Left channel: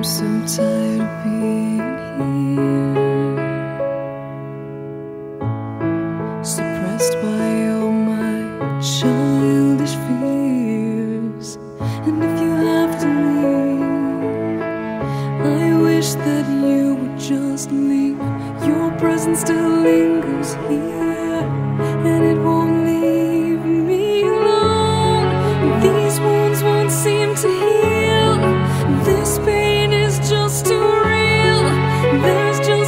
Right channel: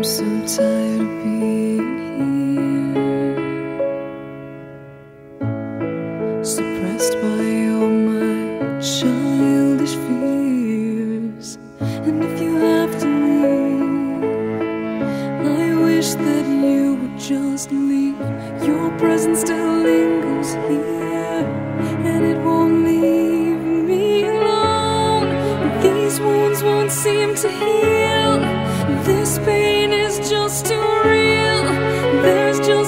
I'm so tired of being here, suppressed by all my childish fears. And if you have to leave, I wish that you would just leave. Your presence still lingers here, and it won't leave me alone. These wounds won't seem to heal. This pain is just too real. There's just